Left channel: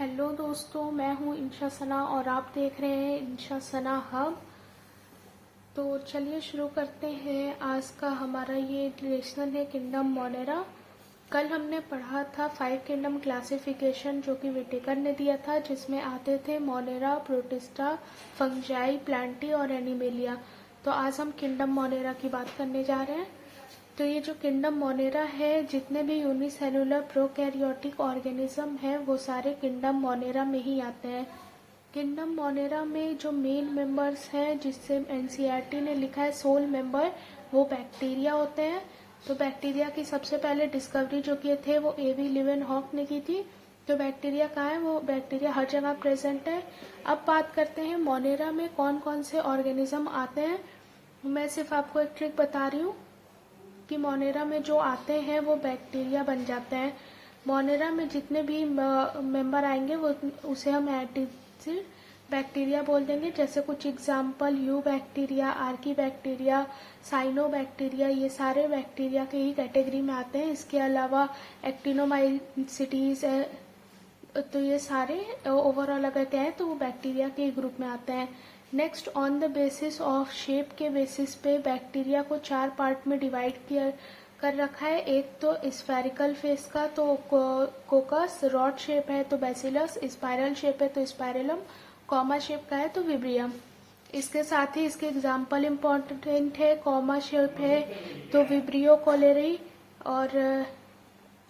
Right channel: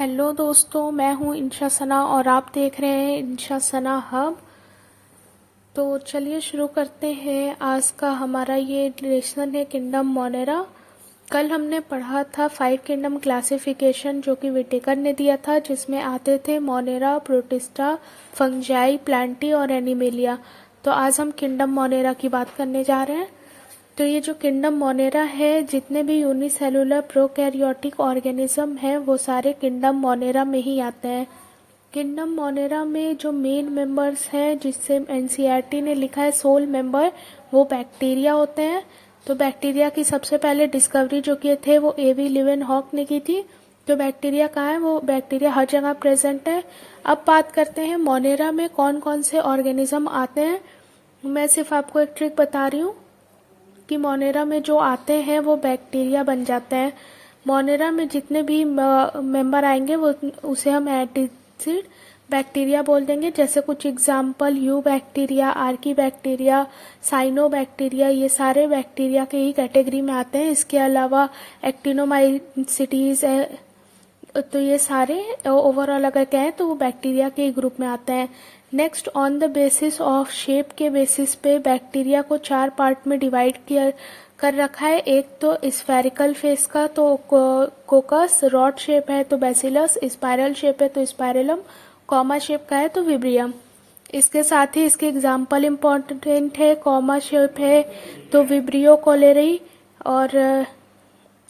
Hello दोस्तों, मैं हूँ इंशा सना और आप देख रहे हैं इंशा सना हब। तो चलिए शुरू करते हैं। आज का हमारा ये लेसन है किंगडम मोनेरा। कल हमने पढ़ा था 5 किंगडम क्लासिफिकेशन जो कि विटेकर ने दिया था, जिसमें आते थे मोनेरा, प्रोटिस्टा, फंजाई, प्लांटी और एनिमेलिया। तो आज हम किंगडम मोनेरा की बात करने जा रहे हैं। तो ये जो किंगडम मोनेरा है, जितने भी यूनिसेलुलर प्रोकैरियोटिक ऑर्गेनिज्म हैं वो सारे किंगडम मोनेरा में ही आते हैं। किंगडम मोनेरा में जो मेन मेंबर्स हैं, जिससे एनसीईआरटी ने लिखा है सोल मेंबर, वो बैक्टीरिया होते हैं। तो बैक्टीरिया की सबसे पहले डिस्कवरी जो किए थे वो एवी लिवेनहॉक ने की थी। तो बैक्टीरिया कहाँ है? वो बैक्टीरिया हर जगह प्रेजेंट है। अब बात करते हैं मोनेरा में कौन कौन से ऑर्गेनिज्म आते हैं। मैं सिर्फ आपको एक ट्रिक बता रही हूँ कि मोनेरा में जो आते हैं वो बैक्टीरिया बन जाते हैं। मोनेरा में जितने भी मेंबर आएंगे वो उसे हम एंटीसिड बैक्टीरिया बोल देंगे। जैसे कुछ example eubacteria, archaebacteria, cyanobacteria, ये सारे बैक्टीरिया के ही कैटेगरी में आते हैं। इसके अलावा एक्टिनोमाइसिटीज, तो ये सारे ओवरऑल अगर कहें तो वो बैक्टीरिया के ग्रुप में आते हैं। Next, on the basis of shape के बेसिस पे बैक्टीरिया को 4 पार्ट में डिवाइड किया कर रखा है। एक तो स्फेरिकल फेस का तो कोकस, रॉड शेप है तो बैसिलस, स्पाइरल शेप है तो स्पाइरलम, कॉमा शेप का है तो विब्रियम। इसके साथ ही इसके एग्जाम्पल इम्पोर्टेंट है। कॉमा शेप है तो विब्रियो कोलेरी, और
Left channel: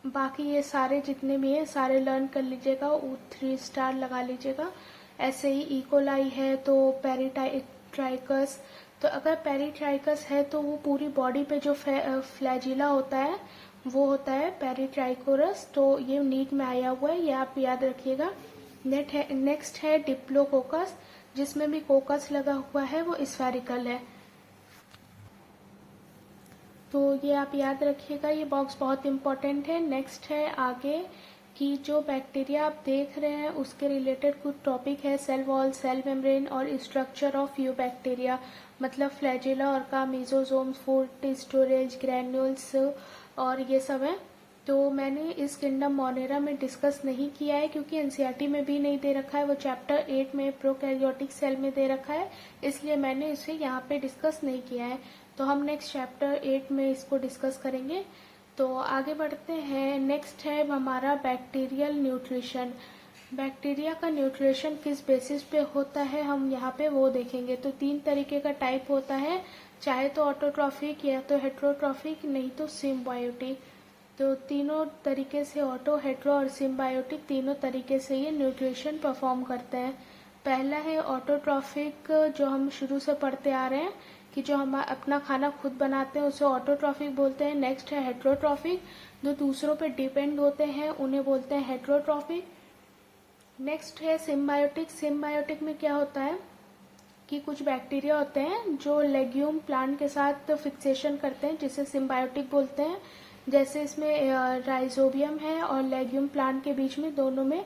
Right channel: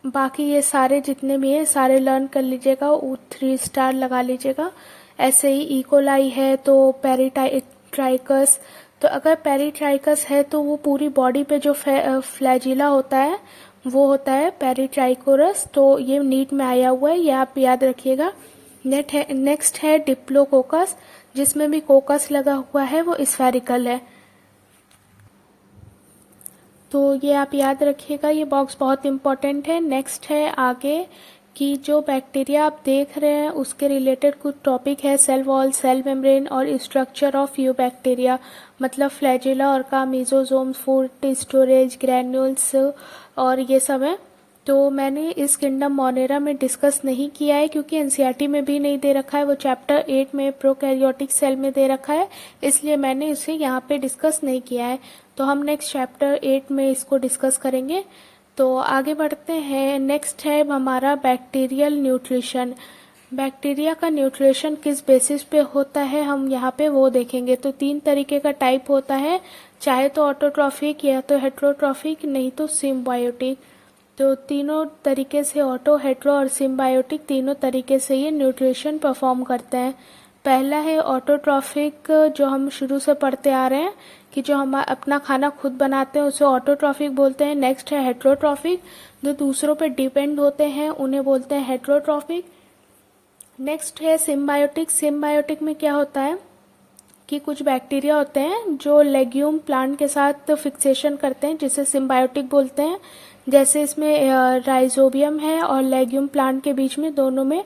बाकी ये सारे जितने भी हैं सारे लर्न कर लीजिएगा, 3 स्टार लगा लीजिएगा। ऐसे ही इकोलाई है तो पेरिट्राइकस। तो अगर पेरिट्राइकस है तो वो पूरी बॉडी पे जो फ्लैजिला होता है वो होता है पेरिट्राइकोरस। तो ये नीट में आया हुआ है, ये आप याद रखिएगा। नेक्स्ट है डिप्लोकोकस, जिसमें भी कोकस लगा हुआ है, वो स्फेरिकल है। तो ये आप याद रखिएगा, ये बॉक्स बहुत इंपॉर्टेंट है। नेक्स्ट है आगे कि जो बैक्टीरिया आप देख रहे हैं उसके रिलेटेड कुछ टॉपिक है, सेल वॉल, सेल मेम्ब्रेन और स्ट्रक्चर ऑफ यू बैक्टीरिया, मतलब फ्लैजिला और का मीजोजोम, फूड स्टोरेज, ग्रैन्यूल्स और ये सब है। तो मैंने इस किंगडम मोनेरा में डिस्कस नहीं किया है क्योंकि एनसीईआरटी में भी नहीं दे रखा है, वो चैप्टर 8 में प्रोकैरियोटिक सेल में दे रखा है, इसलिए मैंने इसे यहाँ पे डिस्कस नहीं किया है। तो हम नेक्स्ट चैप्टर 8 में इसको डिस्कस करेंगे। तो आगे बढ़ते हैं। नेक्स्ट है हमारा बैक्टीरियल न्यूट्रिशन। बैक्टीरिया का न्यूट्रिशन किस बेसिस पे होता है हम यहाँ पे वो देखेंगे। तो 3 तरीके का टाइप होता है, चाहे तो ऑटोट्रॉफिक या तो हेट्रोट्रॉफिक, नहीं तो सिम्बायोटिक। तो तीनों तरीके से, ऑटो, हेट्रो और सिम्बायोटिक, तीनों तरीके से ये न्यूट्रिशन परफॉर्म करते हैं। पहला है ऑटोट्रॉफिक, जो हम शुरू से पढ़ते आ रहे हैं कि जो हम अपना खाना खुद बनाते हैं उसे ऑटोट्रॉफिक बोलते हैं। नेक्स्ट है हेट्रोट्रॉफिक, जो दूसरों पे डिपेंड होते हैं उन्हें बोलते हैं हेट्रोट्रॉफिक। नेक्स्ट है सिम्बायोटिक। सिम्बायोटिक में क्या होता है कि कुछ बैक्टीरिया होते हैं जो लेग्यूम प्लांट के साथ फिक्सेशन करते हैं, जिसे सिम्बायोटिक बोलते हैं। जैसे इसमें राइजोबियम है और लेग्यूम प्लांट के बीच में दोनों में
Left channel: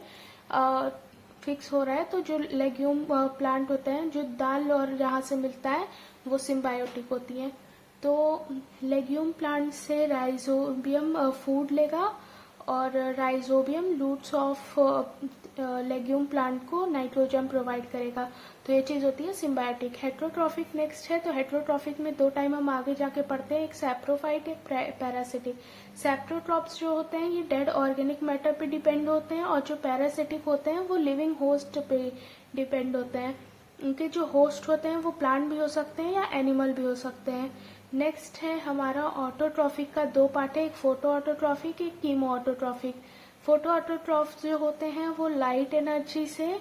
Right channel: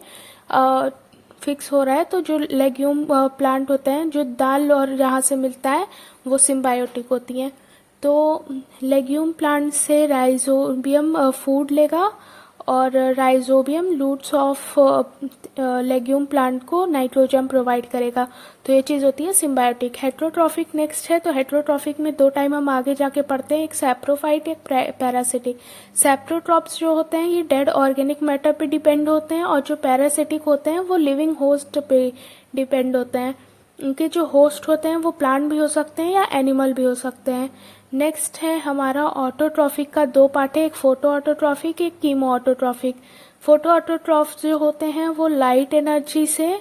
फिक्स हो रहा है, तो जो लेग्यूम प्लांट होते हैं, जो दाल और जहाँ से मिलता है, वो सिम्बायोटिक होती हैं। तो लेग्यूम प्लांट से राइजोबियम फूड लेगा और rhizobium roots of legume plant को नाइट्रोजन प्रोवाइड करेगा। तो ये चीज़ होती है सिम्बायोटिक। हेट्रोट्रॉफिक नेक्स्ट है। तो हेट्रोट्रॉफिक में 2 टाइम हम आगे जाके पढ़ते हैं, एक सैप्रोफाइट, एक पैरासिटिक। सैप्रोट्रॉप्स जो होते हैं ये डेड ऑर्गेनिक मैटर पे डिपेंड होते हैं, और जो पैरासिटिक होते हैं वो लिविंग होस्ट पे डिपेंड होते हैं। उनके जो होस्ट होते हैं वो प्लांट भी हो सकते हैं या एनिमल भी हो सकते हैं। नेक्स्ट है हमारा ऑटोट्रॉफिक का 2 पार्ट है, एक फोटो ऑटोट्रॉफिक, एक कीमो ऑटोट्रॉफिक। फोटो ऑटोट्रॉफ्स जो होते हैं वो लाइट एनर्जी से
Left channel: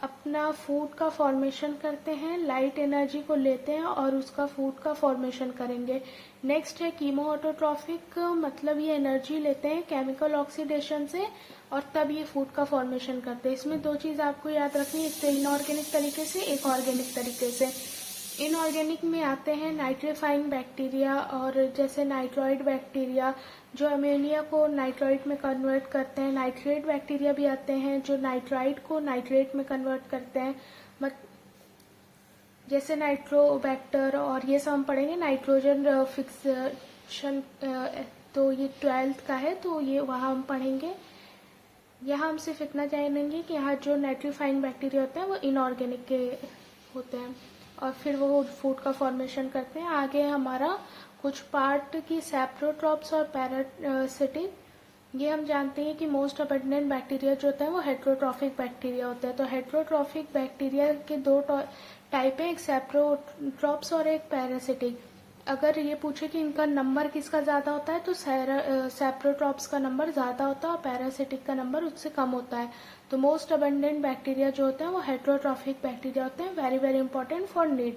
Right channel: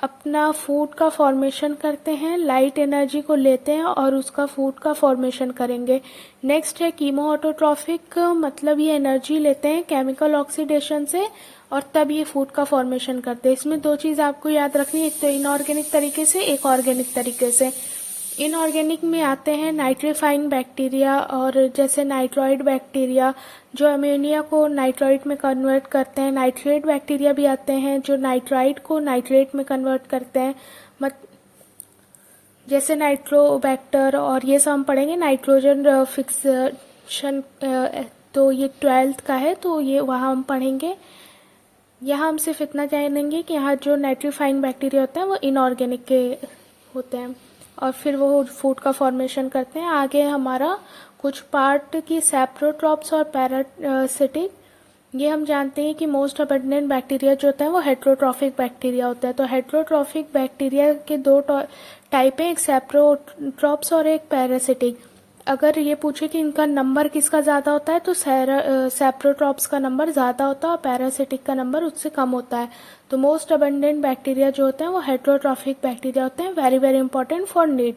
अपना फूड का फॉर्मेशन करते हैं, लाइट एनर्जी को लेते हैं और उसका फूड का फॉर्मेशन करेंगे। नेक्स्ट है कीमो ऑटोट्रॉफिक, मतलब ये एनर्जी लेते हैं केमिकल ऑक्सीडेशन से और तब ये फूड का फॉर्मेशन करते हैं। इसमें 2 चीज़ आपको याद रखनी है, एक तो इनऑर्गेनिक तरीके से, एक ऑर्गेनिक तरीके से। इनऑर्गेनिक में आते हैं नाइट्रीफाइंग बैक्टीरिया, और जैसे नाइट्रॉइड बैक्टीरिया जो अमोनिया को नाइट्रॉइड में कन्वर्ट करते हैं। नाइट्रेट बैक्टीरिया भी आते हैं जो नाइट्राइड को नाइट्रेट में कन्वर्ट करते हैं, जैसे नाइट्रोबैक्टर, और ये सब हम पढ़ेंगे। नाइट्रोजन फिक्सेशन, तो ये 12th का है तो ये वहाँ हम पढ़ेंगे। यहाँ हम सिर्फ इतना जानेंगे कि यहाँ जो नाइट्रीफाइंग बैक्टीरिया होते हैं वो इनऑर्गेनिक के होते हैं और फिर वो फूड का फॉर्मेशन करते हैं। आगे हमारा कुछ पार्ट की सैप्रोट्रॉप्स और पैरासिटिक। ये हम जानते हैं कि मोस्ट अबंडेंट बैक्टीरिया जो होता है वो हेट्रोट्रॉफिक बैक्टीरिया होता है। तो हेट्रोट्रॉफिक बैक्टीरिया के दो टाइप है, एक सैप्रोट्रॉप्स और एक पैरासिटिक। अगर ये पूछे कि इनका नंबर किसका ज़्यादा होता है तो सैप्रोट्रॉप्स का नंबर ज़्यादा होता है और पैरासिटिक का नंबर उससे कम होता है। तो मोस्ट अबंडेंट बैक्टीरिया जो होते हैं वो हेट्रोट्रॉफिक बैक्टीरिया होते हैं। Very very important for need.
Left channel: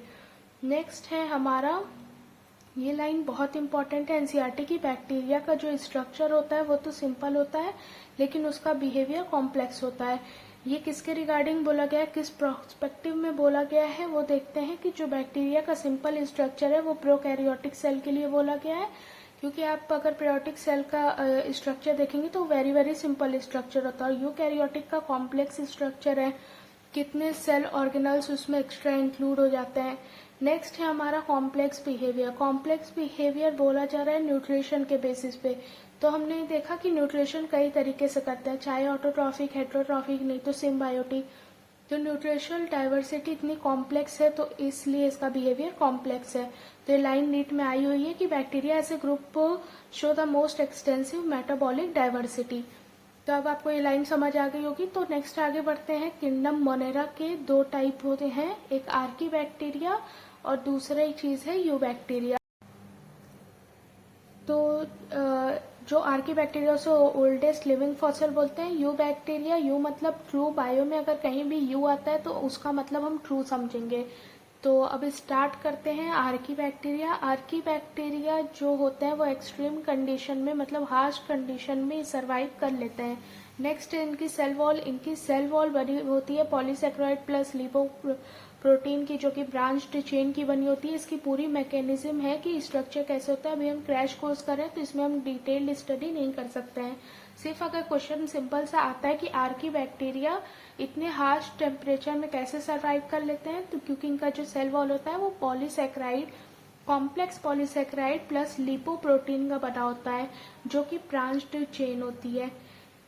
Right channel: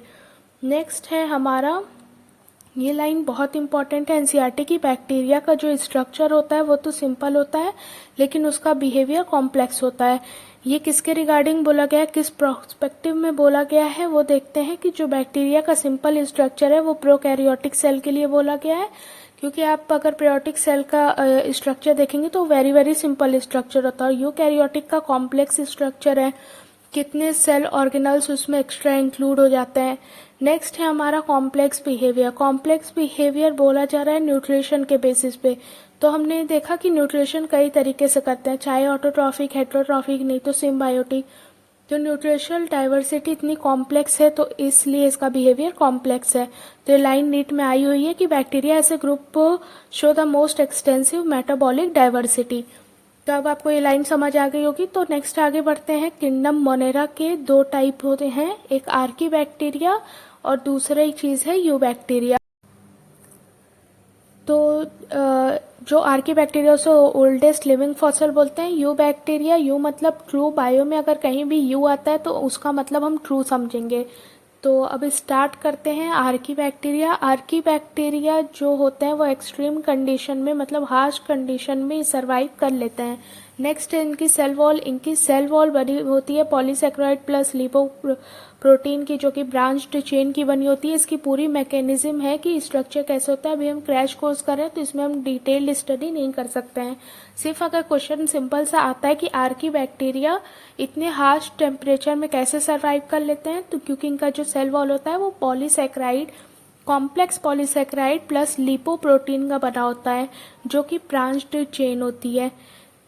Next है हमारा, ये लाइन बहुत इंपॉर्टेंट है एनसीईआरटी की। बैक्टीरिया का जो स्ट्रक्चर होता है वो तो सिंपल होता है लेकिन उसका बिहेवियर कॉम्प्लेक्स होता है। ये किसके रिगार्डिंग बोला गया है, किस प्रोस्पेक्टिव में बोला गया है, वो देखते हैं कि जो बैक्टीरिया का सिंपल स्ट्रक्चर है वो प्रोकैरियोटिक सेल के लिए बोला गया है। क्योंकि आप अगर प्रोकैरियोटिक सेल का स्ट्रक्चर देखेंगे तो वेरी वेरी सिंपल स्ट्रक्चर होता है। यूकैरियोटिक का कॉम्प्लेक्स स्ट्रक्चर है, कितने सेल ऑर्गेनल्स उसमें एक्स्ट्रा इंक्लूड हो जाते हैं। नेक्स्ट है हमारा कॉम्प्लेक्स बिहेवियर। कॉम्प्लेक्स बिहेवियर बोला जा रहा है न्यूट्रिशन के बेसिस पे। तो हमने देखा कि न्यूट्रिशन कई तरीके से करते हैं, चाहे ऑटोट्रॉफिक, हेट्रोट्रॉफिक, नहीं तो सिम्बायोटिक। तो न्यूट्रिशनल डाइवर्सिटी इतनी कॉम्प्लेक्स है तो इसलिए इसका बिहेवियर कॉम्प्लेक्स है। तो ये लाइन नीट में आई हुई है कि bacteria as a group show the most extensive metabolic diversity. तो अब आपको ये लाइन समझ आ गई होगी। तो नेक्स्ट आगे बढ़ते हैं। किंगडम मोनेरा के दो टाइप होते हैं, एक आर्की बैक्टीरिया और दूसरा चीज़ है यू बैक्टीरिया। तो जो आर्की बैक्टीरिया उसे ओल्डेस्ट लिविंग फॉसिल बोलते हैं। यू बैक्टीरिया, यू मतलब ट्रू, बायो में अगर कहीं भी यू आता है तो उसका मतलब हम ट्रू समझेंगे। तो अब स्टार्ट करते हैं आर्की बैक्टीरिया। आर्की बैक्टीरिया जो होते हैं वो एक्सट्रीम कंडीशन में मतलब हार्श कंडीशन में सर्वाइव कर लेते हैं। नेक्स्ट है इनकी सेल वॉल। इनकी सेल वॉल बनी होती है पॉलीसेक्राइड प्लस लिपो प्रोटीन की, जो कि ब्रांच्ड चेन की बनी होती है। इसकी पूरी मैकेनिज्म है कि स्ट्रक्चर कैसे होता है। अभी हम क्रैश कोर्स कर रहे हैं तो इसमें हम डिटेल्ड स्टडी नहीं कर सकते हैं। सिर्फ अगर क्वेश्चन सिंपल सा आता है कि आर्की बैक्टीरिया इतने हार्श टेम्परेचर में कैसे सर्वाइव कर लेते हैं, तो क्योंकि इनका जो सेल वॉल होता है वो polysaccharide, complex polysaccharide plus lipoprotein का बना होता है, जो कि ब्रांच्ड चेन होती है।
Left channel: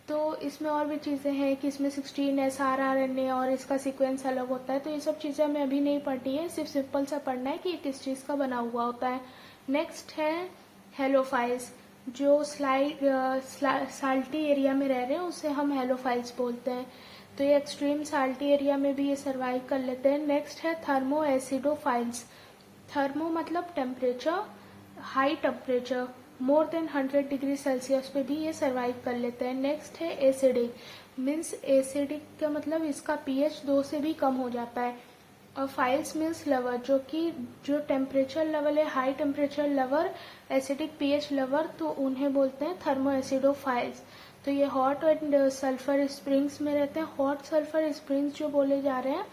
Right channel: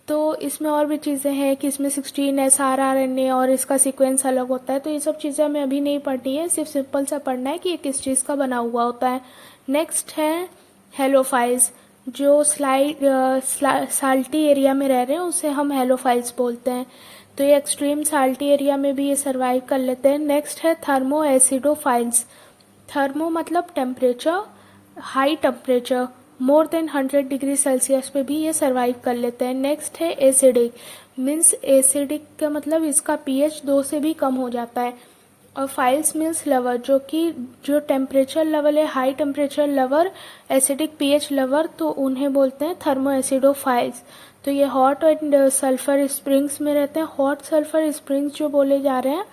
तो इसमें और भी चीज़ें हैं कि इसमें 16 srRNA और इसका सीक्वेंस अलग होता है। तो ये सब चीज़ें हमें अभी नहीं पढ़नी है, सिर्फ सिंपल सा पढ़ना है कि ये किस चीज़ का बना हुआ होता है। नेक्स्ट है हेलोफाइल्स। जो साल्टी एरिया में रह रहे हैं उसे हम हेलोफाइल्स बोलते हैं। तो ये एक्सट्रीम साल्टी एरिया में भी ये सर्वाइव कर लेते हैं। नेक्स्ट है थर्मो एसिडोफाइल्स। थर्मो मतलब temperature, high temperature more than 100 degree Celsius पे भी ये सर्वाइव कर लेते हैं। नेक्स्ट है एसिडिक। मीन्स एसिडिक का मतलब इसका पीएच 2 से भी कम हो जाता है। और फाइल्स मीन्स लवर, जो कि जो टेम्परेचर लेवल है high temperature lover, acidic pH lover, तो उन्हें बोलते हैं थर्मो एसिडोफाइल्स। तो ये हॉट एंड सल्फर स्प्रिंग्स में रहते हैं। हॉट सल्फर स्प्रिंग्स जो बोले जा रहे हैं,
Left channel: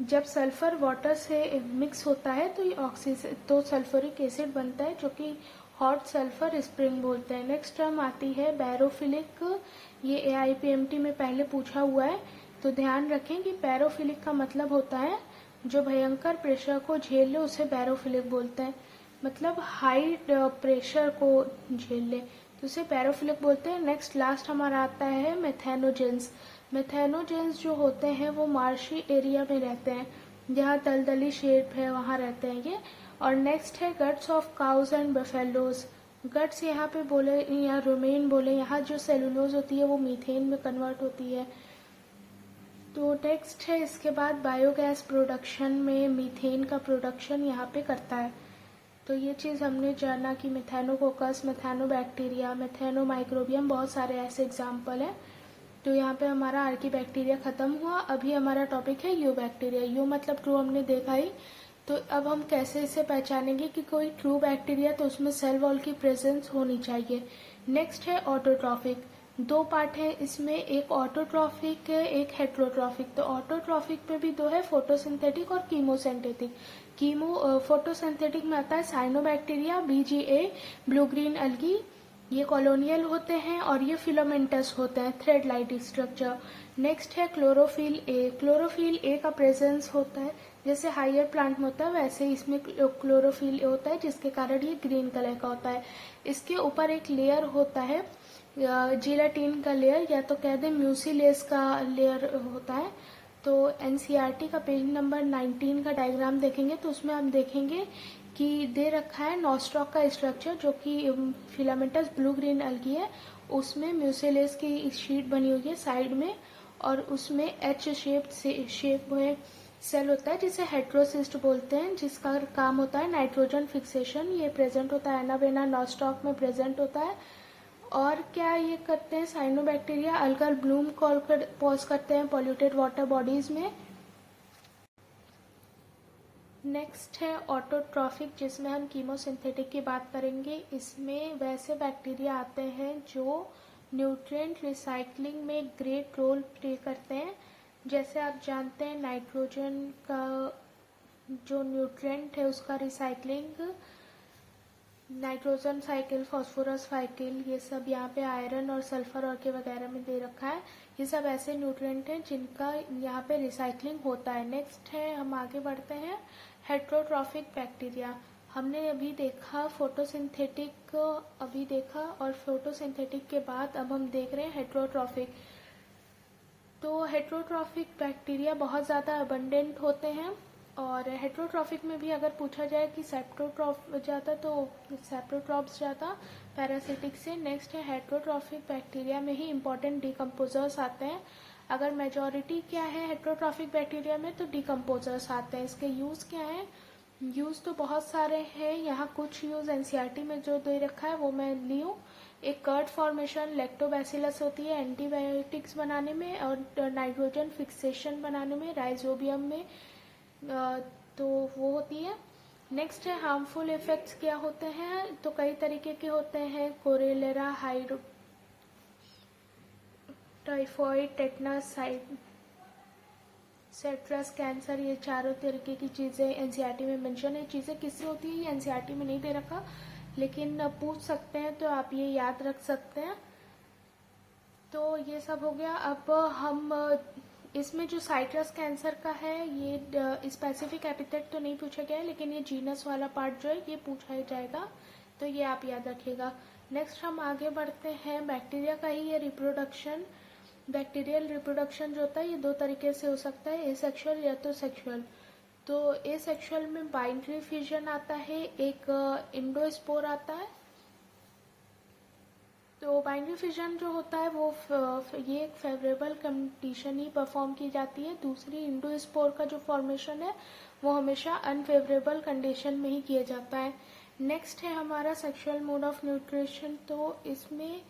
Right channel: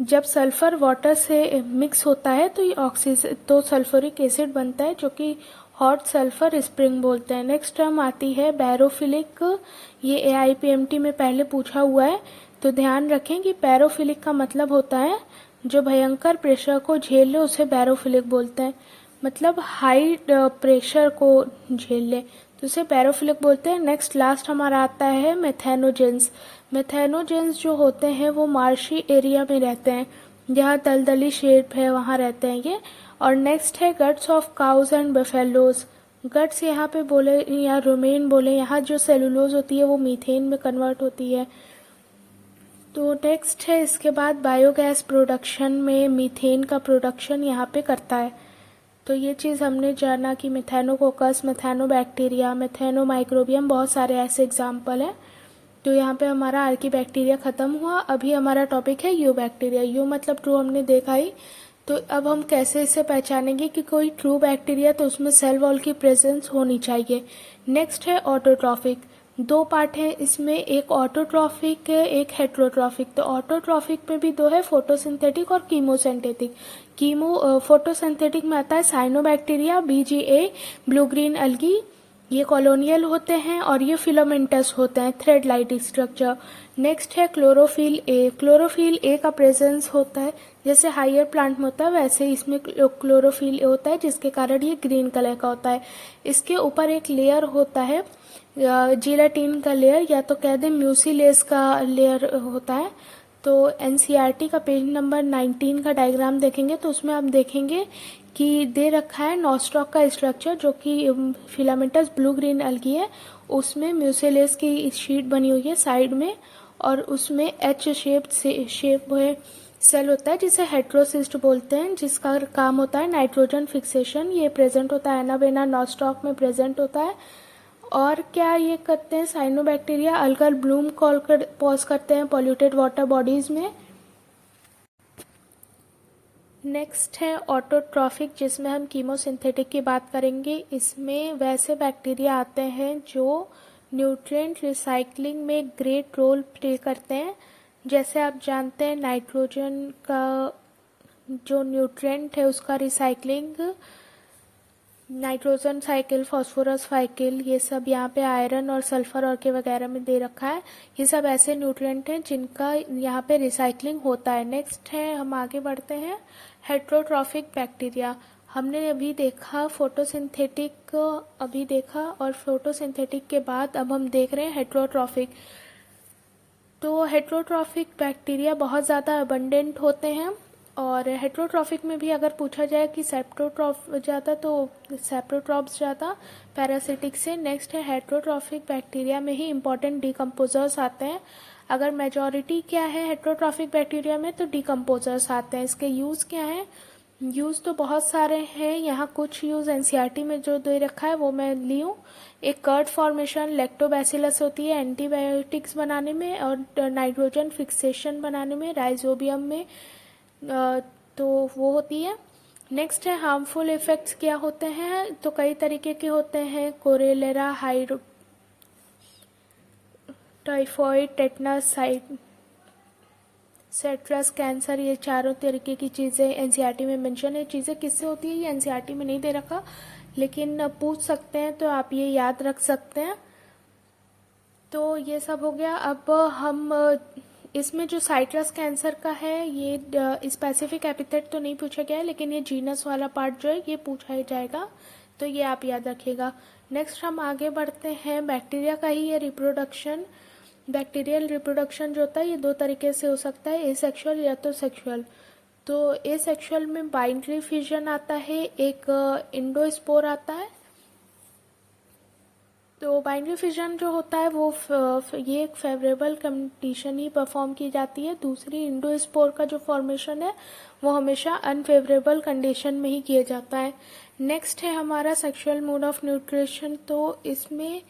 जब सल्फर वाटर से मिक्स होता है तो ये ऑक्सीजन तो सल्फ्यूरिक एसिड बनता है, जो कि हॉट सल्फर स्प्रिंग बोलते हैं। नेक्स्ट टर्म आती है बैरोफिलिक। ये एआईपीएमटी में पहले पूछा हुआ है, तो ध्यान रखें कि बैरोफिलिक का मतलब होता है जो भयंकर प्रेशर को झेल ले उसे बैरोफिलिक बोलते हैं। मतलब हाई प्रेशर को झेल ले तो उसे बैरोफिलिक बोलते हैं। नेक्स्ट लास्ट हमारा आता है मेथेनोजेंस। मेथेनोजेंस जो होते हैं वो मार्शी एरिया में रहते हैं, जहाँ दलदली शेप है वहाँ रहते हैं ये। और नेक्स्ट है guts of cows and buffaloes. Guts यहाँ पे बोले या रोमेन बोले, यहाँ जो सेलुलोज होती है वो मीथेन में कन्वर्ट होती है। तो नेक्स्ट है इसके बाद बायोगैस प्रोडक्शन में मीथेन का प्रोडक्शन यहाँ पे करता है। तो ये चीज़ हमने जाना कि मेथेनोकोकस, मेथेनोबैक्टीरिया, मेथेनोमाइक्रोबियम, बहुत सारे ऐसे एग्जाम्पल हैं। तो यहाँ पे हमारा आर्की बैक्टीरिया ख़त्म हुआ। अभी हमारा टॉपिक है यू बैक्टीरिया। यू मतलब ट्रू हमने देखा ही। तो अब हम कैसे इसे पहचानेंगे कि कोई ट्रू बैक्टीरिया, तो उसमें सेल वॉल की प्रेजेंस होनी चाहिए। नेक्स्ट है ऑटोट्रॉफिक। दो पार्ट है इसमें, एक ऑटोट्रॉफिक है एक हेट्रोट्रॉफिक। तो ऑटोट्रॉफिक में भी दो है, फोटोसिंथेटिक और कीमोसिंथेटिक। फोटोसिंथेटिक में आता है cyanobacteria, BGA, blue green algae. ये कॉलोनियल होते हैं और ये फिलामेंटस होते हैं, थ्रेड लाइट स्ट्रक्चर। नेक्स्ट है क्लोरोफिल ए। क्लोरोफिल ए का प्रेजेंस होता है, जैसे हायर प्लांट में होता है वैसे इसमें क्लोरोफिल ए होता है, जिसके कारण ये ग्रीन कलर का होता है। इसके ऊपर एक लेयर होता है जिलेटिन का लेयर या तो कह दें म्यूसिलेज का लेयर होता है। तो एनसीईआरटी का पेज नंबर 19 का डायग्राम देखेंगे तो उसमें आप देखेंगे कि दे रखा है नॉस्टॉक का स्ट्रक्चर जो कि फिलामेंटस ब्लू ग्रीन अलगी है, उसमें म्यूसिलेज की शीट बनी हुई है साइड में, और उसमें एच शेप हुए सेल होता है जिसे हेट्रोसिस्ट बोलते हैं, जिसका काम होता है नाइट्रोजन फिक्सेशन। ये प्रेजेंट होता है एनावेना नॉस्टॉक में प्रेजेंट होता है। और क्या ये करते हैं साइनोबैक्टीरिया, अल्गल ब्लूम पॉज करते हैं पॉल्यूटेड वाटर बॉडीज में। नेक्स्ट है ऑटोट्रॉफिक, जिसमें हम कीमोसिंथेटिक की बात करेंगे। इसमें वैसे बैक्टीरिया आते हैं जो न्यूट्रिएंट रिसाइकलिंग में ग्रेट रोल प्ले करते हैं। जैसे आप जानते हैं नाइट्रोजन का जो न्यूट्रिएंट है उसका recycling, nitrogen cycle, phosphorus cycle, ये सब यहाँ पे आयरन और सल्फर और के वगैरह में दे रखा है। ये सब ऐसे न्यूट्रिएंट हैं जिनका यहाँ पे रिसाइकलिंग होता है। नेक्स्ट है, हम आगे बढ़ते हैं, हेट्रोट्रॉफिक बैक्टीरिया। हमने अभी देखा फोटोसिंथेटिक, अभी देखा, और फोटोसिंथेटिक के बाद अब हम देख रहे हैं हेट्रोट्रॉफिक। तो हेट्रोट्रॉफिक बैक्टीरिया बहुत ज़्यादा अबंडेंट होते हैं, और हेट्रोट्रॉफिक में भी अगर पूछा जाए कि सेप्टोट्रॉफ ज़्यादा तो सेप्टोट्रॉप्स ज़्यादा पैरासिटिक से। नेक्स्ट है हेट्रोट्रॉफिक बैक्टीरिया में ही इंपॉर्टेंट डिकम्पोजर्स आते हैं। अगर मेजॉरिटी क्या है हेट्रोट्रॉफिक बैक्टीरिया में तो डिकम्पोजर्स आते हैं। इसके यूज़ क्या हैं? यूज़ तो बहुत सारे हैं, यहाँ कुछ यूज़ एनसीईआरटी में जो दे रखा है वो मैं ली हूँ। एक कर्ड फॉर्मेशन लैक्टोबैसिलस होती है एंटीबायोटिक्स बनाने में और नाइट्रोजन फिक्सेशन बनाने में राइजोबियम में, तो वो होती है। नेक्स्ट है हार्मफुल इफेक्ट्स क्या होते हैं, तो कई तरीके के होते हैं, कोरेलेरा, हाइड्रो टाइफॉइड, टेटनस, सेट्रस, कैंसर, ये चारों तरीके की चीज़ें एनसीईआरटी में मेंशन है। चीज़ें किससे होती है ये एनसीईआरटी में नहीं दे रखा, लेकिन पूछ सकते हैं तो आप ये याद रख सकते हैं। तो ये सब हो गया। अब हम इसमें जो साइट्रस कैंसर का है ये स्पेसिफिक एपिथेट तो नहीं पूछा गया है, लेकिन ये जीनस वाला पार्ट जो है ये पूछा जाएगा, तो ये आप याद रखिएगा। नेक्स्ट हम आगे बढ़ते हैं, बैक्टीरिया का ही ये रिप्रोडक्शन। बैक्टीरियल रिप्रोडक्शन जो होता है ये दो तरीके से हो सकता है, एसेक्सुअल या तो सेक्सुअल। तो एसेक्सुअल में बाइंड्री फ्यूजन आता है, एक इंडोस्पोर आता है। तो बाइंड्री फिजन जो होता है वो ये एक फेवरेबल कंडीशन ही परफॉर्म की जाती है। दूसरी इंडोस्पोर का जो फॉर्मेशन है वो हमेशा अनफेवरेबल कंडीशन में ही किया जाता है। नेक्स्ट है हमारा सेक्सुअल मोड ऑफ न्यूट्रिशन। तो इसमें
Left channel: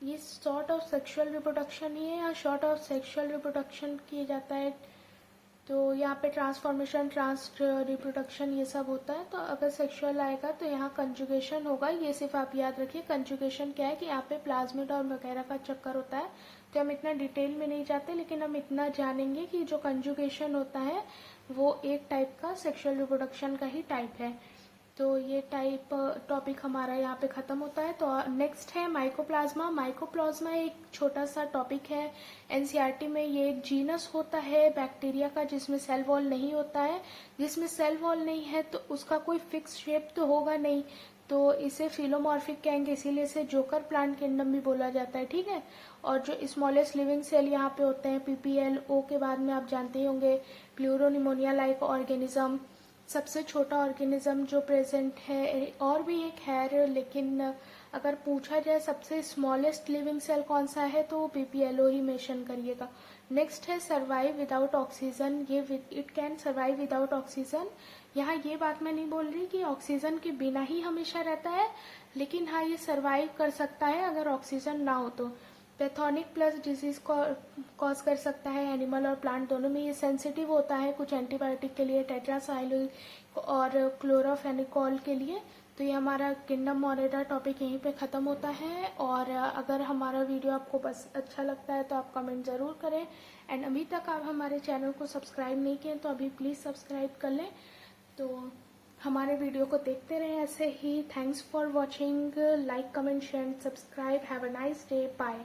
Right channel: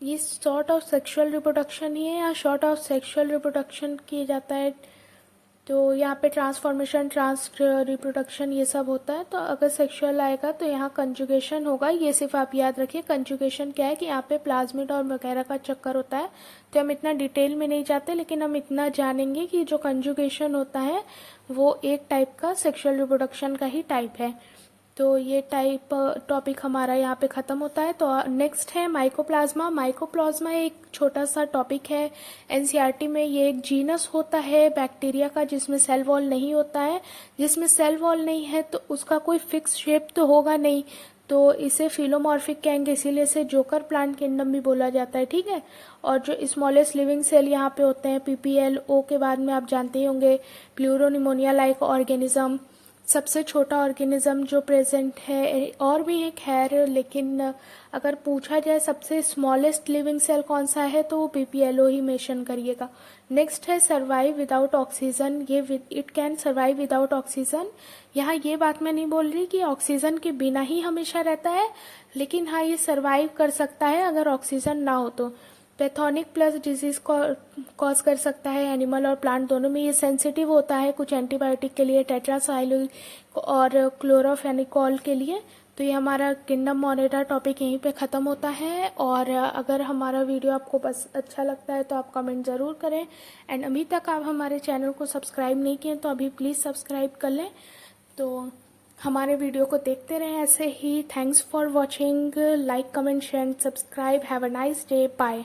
ये सॉर्ट ऑफ सेक्सुअल रिप्रोडक्शन ही है या शॉर्ट ऑफ सेक्सुअल रिप्रोडक्शन किया जाता है। तो यहाँ पे ट्रांसफॉर्मेशन, ट्रांस रिप्रोडक्शन ये सब होता है। तो अगर सेक्सुअल आएगा तो यहाँ कंजुगेशन होगा। ये सिर्फ आप याद रखिए कंजुगेशन क्या है कि यहाँ पे प्लाज्मिड और वगैरह का चक्कर होता है। तो हम इतना डिटेल में नहीं जाते, लेकिन हम इतना जानेंगे कि जो कंजुगेशन होता है वो एक टाइप का सेक्सुअल रिप्रोडक्शन का ही टाइप है। तो ये टाइप टॉपिक हमारा यहाँ पे ख़त्म होता है। तो नेक्स्ट है माइकोप्लाज्मा। माइकोप्लाज्मा एक छोटा सा टॉपिक है एनसीईआरटी में। ये एक जीनस होता है बैक्टीरिया का जिसमें सेल वॉल नहीं होता है। जिसमें सेल वॉल नहीं है तो उसका कोई फिक्स शेप तो होगा नहीं, तो इसे फिलोमॉर्फिक कहेंगे, इसीलिए इसे जोकर प्लांट किंगडम भी बोला जाता है, ठीक है। और जो स्मॉलेस्ट लिविंग सेल यहाँ पे होते हैं पीपीएल, ओ के बाद में आप जानते ही होंगे प्लूरोनिमोनिया लाइक ऑर्गेनिज्म, सबसे छोटा ऑर्गेनिज्म जो प्रेजेंट है। और भी एक है, लेकिन अगर पूछा जाए सबसे स्मॉलेस्ट लिविंग सेल कौन सा है तो वो पीपीएलओ ही मेंशन करिएगा। नेक्स्ट है सर्वाइव विदाउट ऑक्सीजन। ये it can survive without oxygen. यहाँ ये बात मैं नहीं बोल रही कि ऑक्सीजन के बिना ही हमेशा रहता है, लेकिन हाँ ये सर्वाइव कर सकता है अगर ऑक्सीजन ना हो तो। पैथोनिक प्लस डिजीज कॉज कर सकता है एनिमल और प्लांट दोनों में। ये सेंसिटिव होता है कुछ एंटीबायोटिक के लिए, टेट्रासाइक्लिन और क्लोरोफेनिकॉल के लिए। तो ये हमारा किंगडम मोनेरा टॉपिक यहीं पे ख़त्म होता है। और अगर हमारा वीडियो आपको बस अच्छा लगता है तो आप कमेंट ज़रूर करें। एंड अभी तक आप हमारे चैनल को सब्सक्राइब नहीं किए तो अभी प्लीज़ सब्सक्राइब कर लें। तो हमारे वीडियो को देखते रहें ऐसे ही। Thanks for watching, like comment share and subscribe. Have a nice day, bye.